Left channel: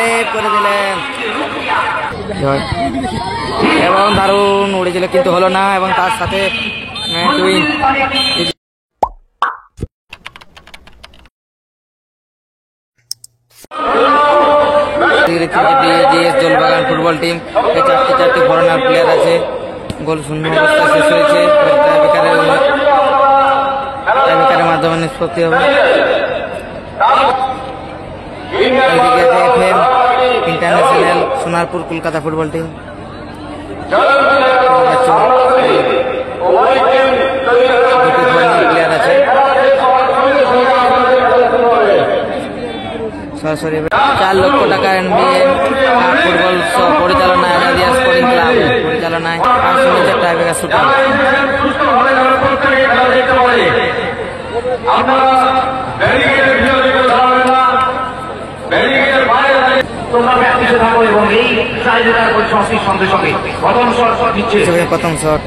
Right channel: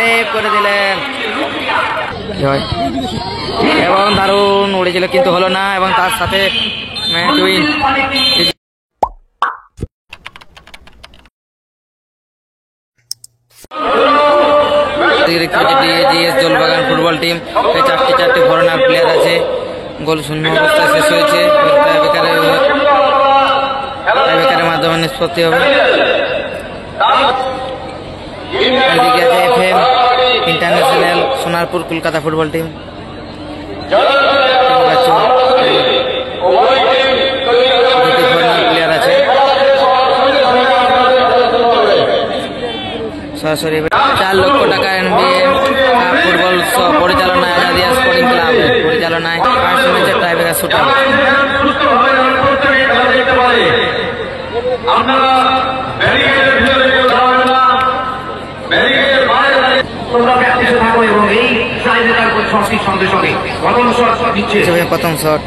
Save করে দিলেন এবং দারুণ উড়েছিল কিন্তু হলো না এবং তার সাথে match win. Dolbagan football team চারটি ফরেনার প্লেয়ার আছে। গোল শূন্য অবস্থায় শেষ হয়েছে। টাইব্রেকারের মাধ্যমে নিষ্পত্তি হবে। একদিকে আছে FM international Sonarpur Kolkata football team. দুটি ফরেনার প্লেয়ার আছে। সরাসরি 4 লক্ষ টাকা NBA ফুটবল পরিচালনায় আজাদিয়া স্পোর্টিং ক্লাব পরিচালনায় ফার্স্ট ম্যাচের টাইব্রেকার শুটআউট। প্রথম শট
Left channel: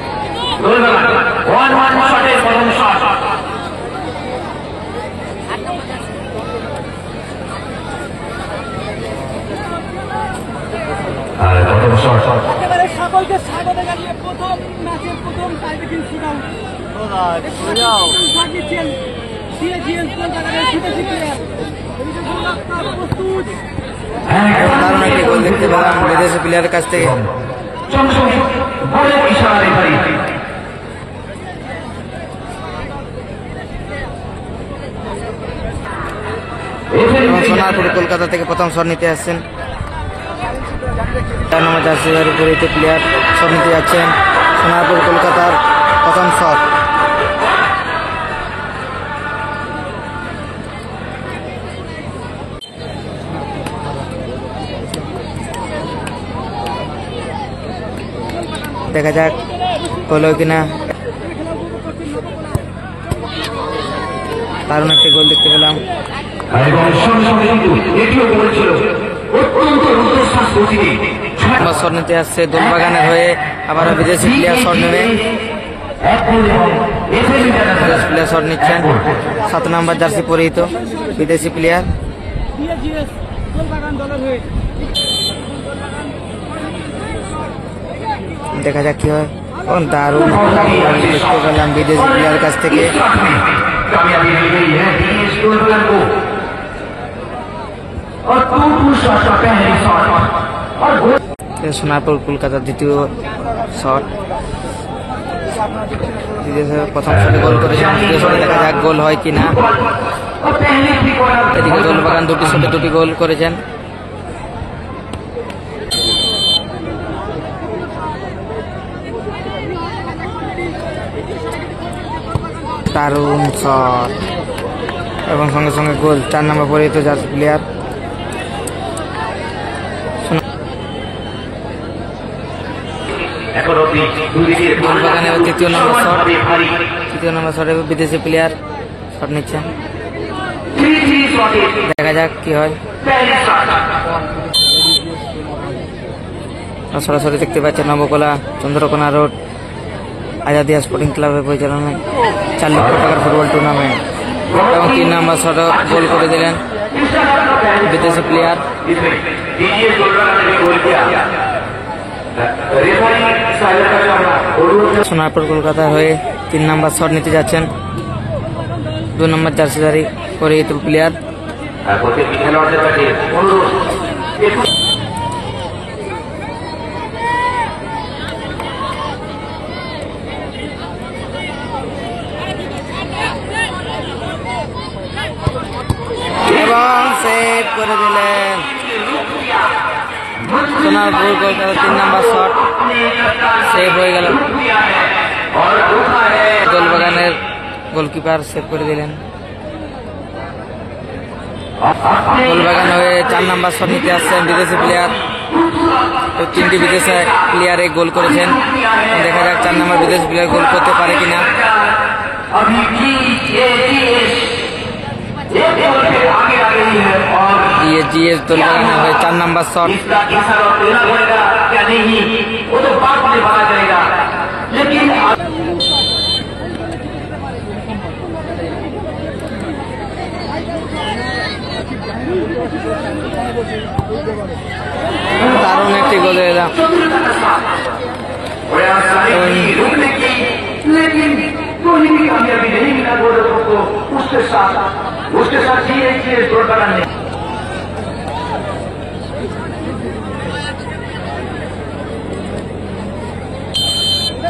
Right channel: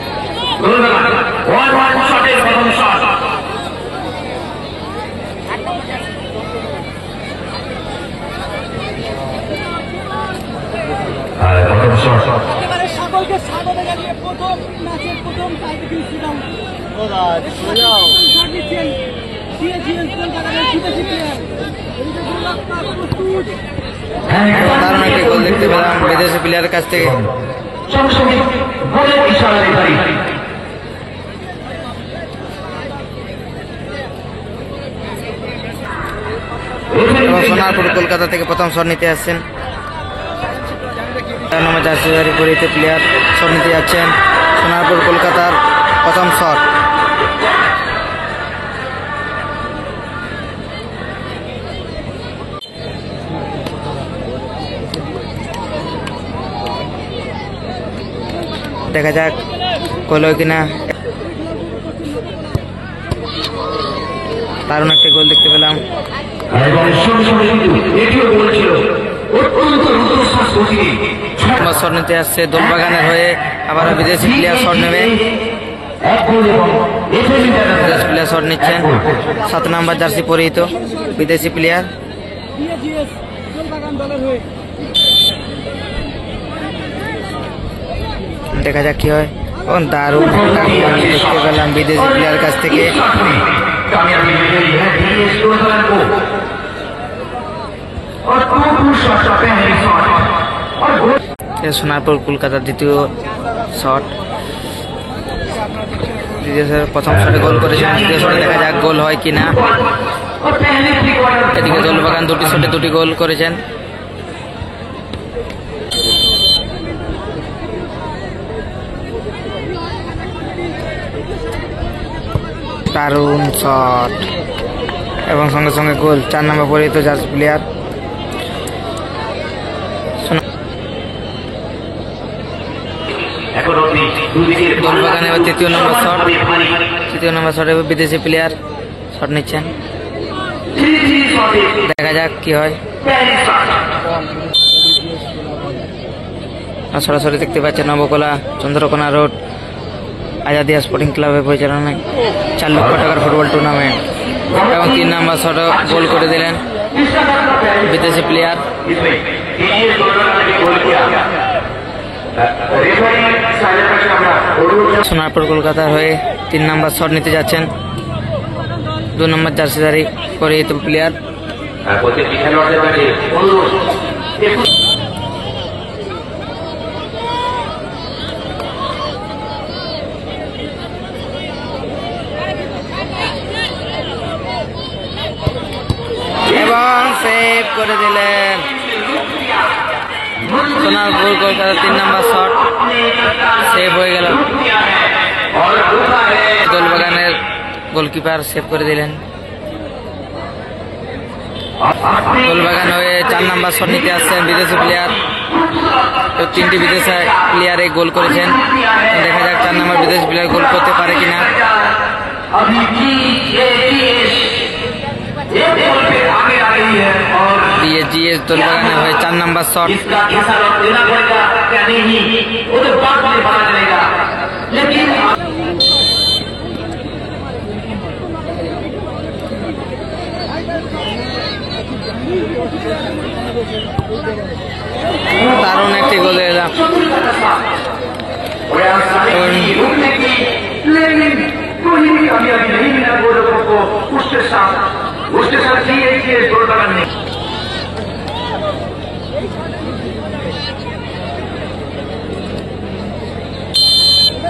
সকলকে স্বাগত জানিয়ে প্রথম ম্যাচের প্রথম টাইব্রেকিং শুটআউট দারুণ একটি গোল দেখতে পেলাম বিদেশি প্লেয়ারের কাছ থেকে। এবং সোনারপুর কলকাতা থেকে প্রথম শট নিতে আসছেন 4 নম্বর জার্সিধারী পরিহিত প্লেয়ার শট নিতে যাচ্ছেন। সোনারপুর কলকাতার প্রথম শট দেখা যাক গোল কিনা। দারুণ একটি গোল দেখতে পেলাম। শট নিতে আসছে দোলবাগানের হয়ে আবার বিদেশি প্লেয়ার শট নেবে। বিদেশি প্লেয়ার শট নিচ্ছেন 7 নম্বর জার্সি পরিহিত বিদেশি প্লেয়ার। দেখা যাক কি হয়। দারুণ একটা দেখতে পেলাম বিদেশি প্লেয়ার কাছ থেকে। সোনারপুর কলকাতার দ্বিতীয় শট। প্রথম শটে গোল করেছেন, দ্বিতীয় শটে দেখা যাক গোল হয় কিনা। এদিকে দোলবাগান দুটি শটে দুটি গোল করেছেন। দারুণ শট এবং সঙ্গে সঙ্গে গোল। 4 নম্বর পরিহিত জার্সি প্লেয়ার। দোলবাগানে তৃতীয় নম্বর শটে বিদেশি প্লেয়ার শট নিচ্ছেন। দেখা যাক কি হয়। সরাসরি দেখতে পাচ্ছেন নবকলা চন্দ্রকোনা রোড আজাদিয়া স্পোর্টিং ক্লাবের পরিচালনায় 4 লক্ষ টাকার ফুটবল টুর্নামেন্ট এবং 3 নম্বর শটে গোল করে দিলেন বিদেশি প্লেয়ার। সোনারপুর কলকাতা হয়ে 3 নম্বর শট নিতে যাচ্ছেন 2 নম্বর জার্সিধারী পরিহিত প্লেয়ার। এবং সেভ করে দিলেন সোনারপুর কলকাতা। 3 নম্বর শট সেভ হয়ে গেল। দোলবাগানের গোলকিপার সেভ করে দিলেন। দোলবাগান হয়ে 4 নম্বর শট নিতে আসছেন বিদেশি প্লেয়ার। 3টি বিদেশি প্লেয়ারে গোল করেছেন। দেখা যাক 4 নম্বর বিদেশি প্লেয়ার গোল করতে পারে কিনা। DSGS দোলবাগানের হয়ে 4 নম্বর শট। দারুণ একটি গোল এলাম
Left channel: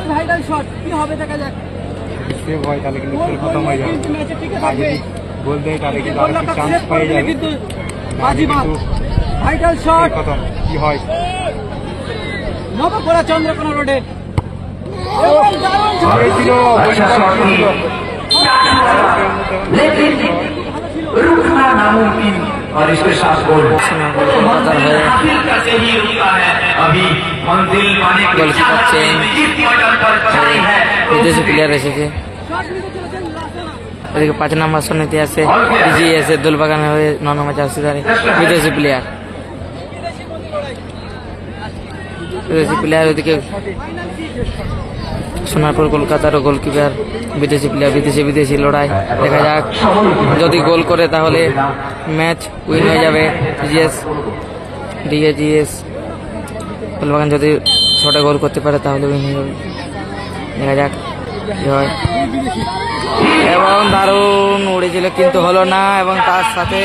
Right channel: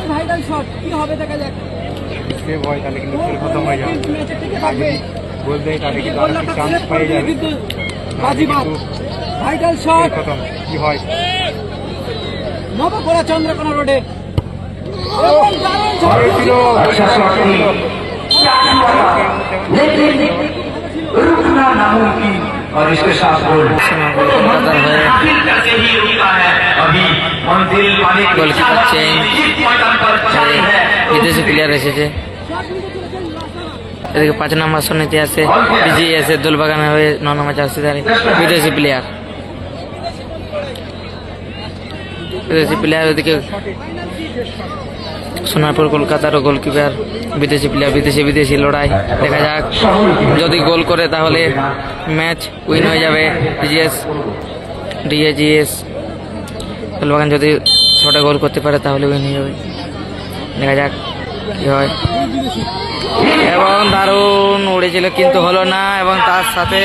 ভাইরাল শট কি হবে দেখা যাক গোল করলে কিন্তু ম্যাচে টিকে থাকবে গোলটা সেভ করে দিলে কিন্তু বাজিমাত ভাইটাল শট নবকোড়া চন্দ্রকোনা রোডে এবং দারুণ শট ছিল। अच्छा शॉट थी लेकिन रुकना नामुमकिन और इसके साथ गोल কলকাতার হয়ে करके ही रुकता है अभी मंजिल पाने के গোলকিপার চেঞ্জ বিদেশি প্লেয়ার এসেছে শট নিতে চলেছেন লাসানা এদিকে 5 নম্বর সন্নিতে আছে বিজিএস এর দোলবাগানের হয়ে 9 নম্বর জার্সিধারী বিদেশি প্লেয়ার ওদিকে সোনারপুর কলকাতারও গোলকিপার বিদেশি প্লেয়ার বিদেশি লড়াই দেখা যাক যদি গোল করে তাহলে ম্যাচ উইন হয়ে যাবে ডিএজিএস দোলবাগান যদি 6টা গোল করতে পারে তাহলে উইন হয়ে যাবে দেখা যাক কি হয় এবং দারুণ উড়েছিল কিন্তু হলো না এবং তার সাথে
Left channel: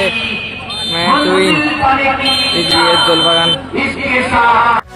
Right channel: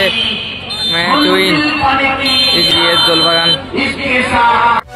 ম্যাচ উইন ডিএজিএস দোলবাগান इसके साथ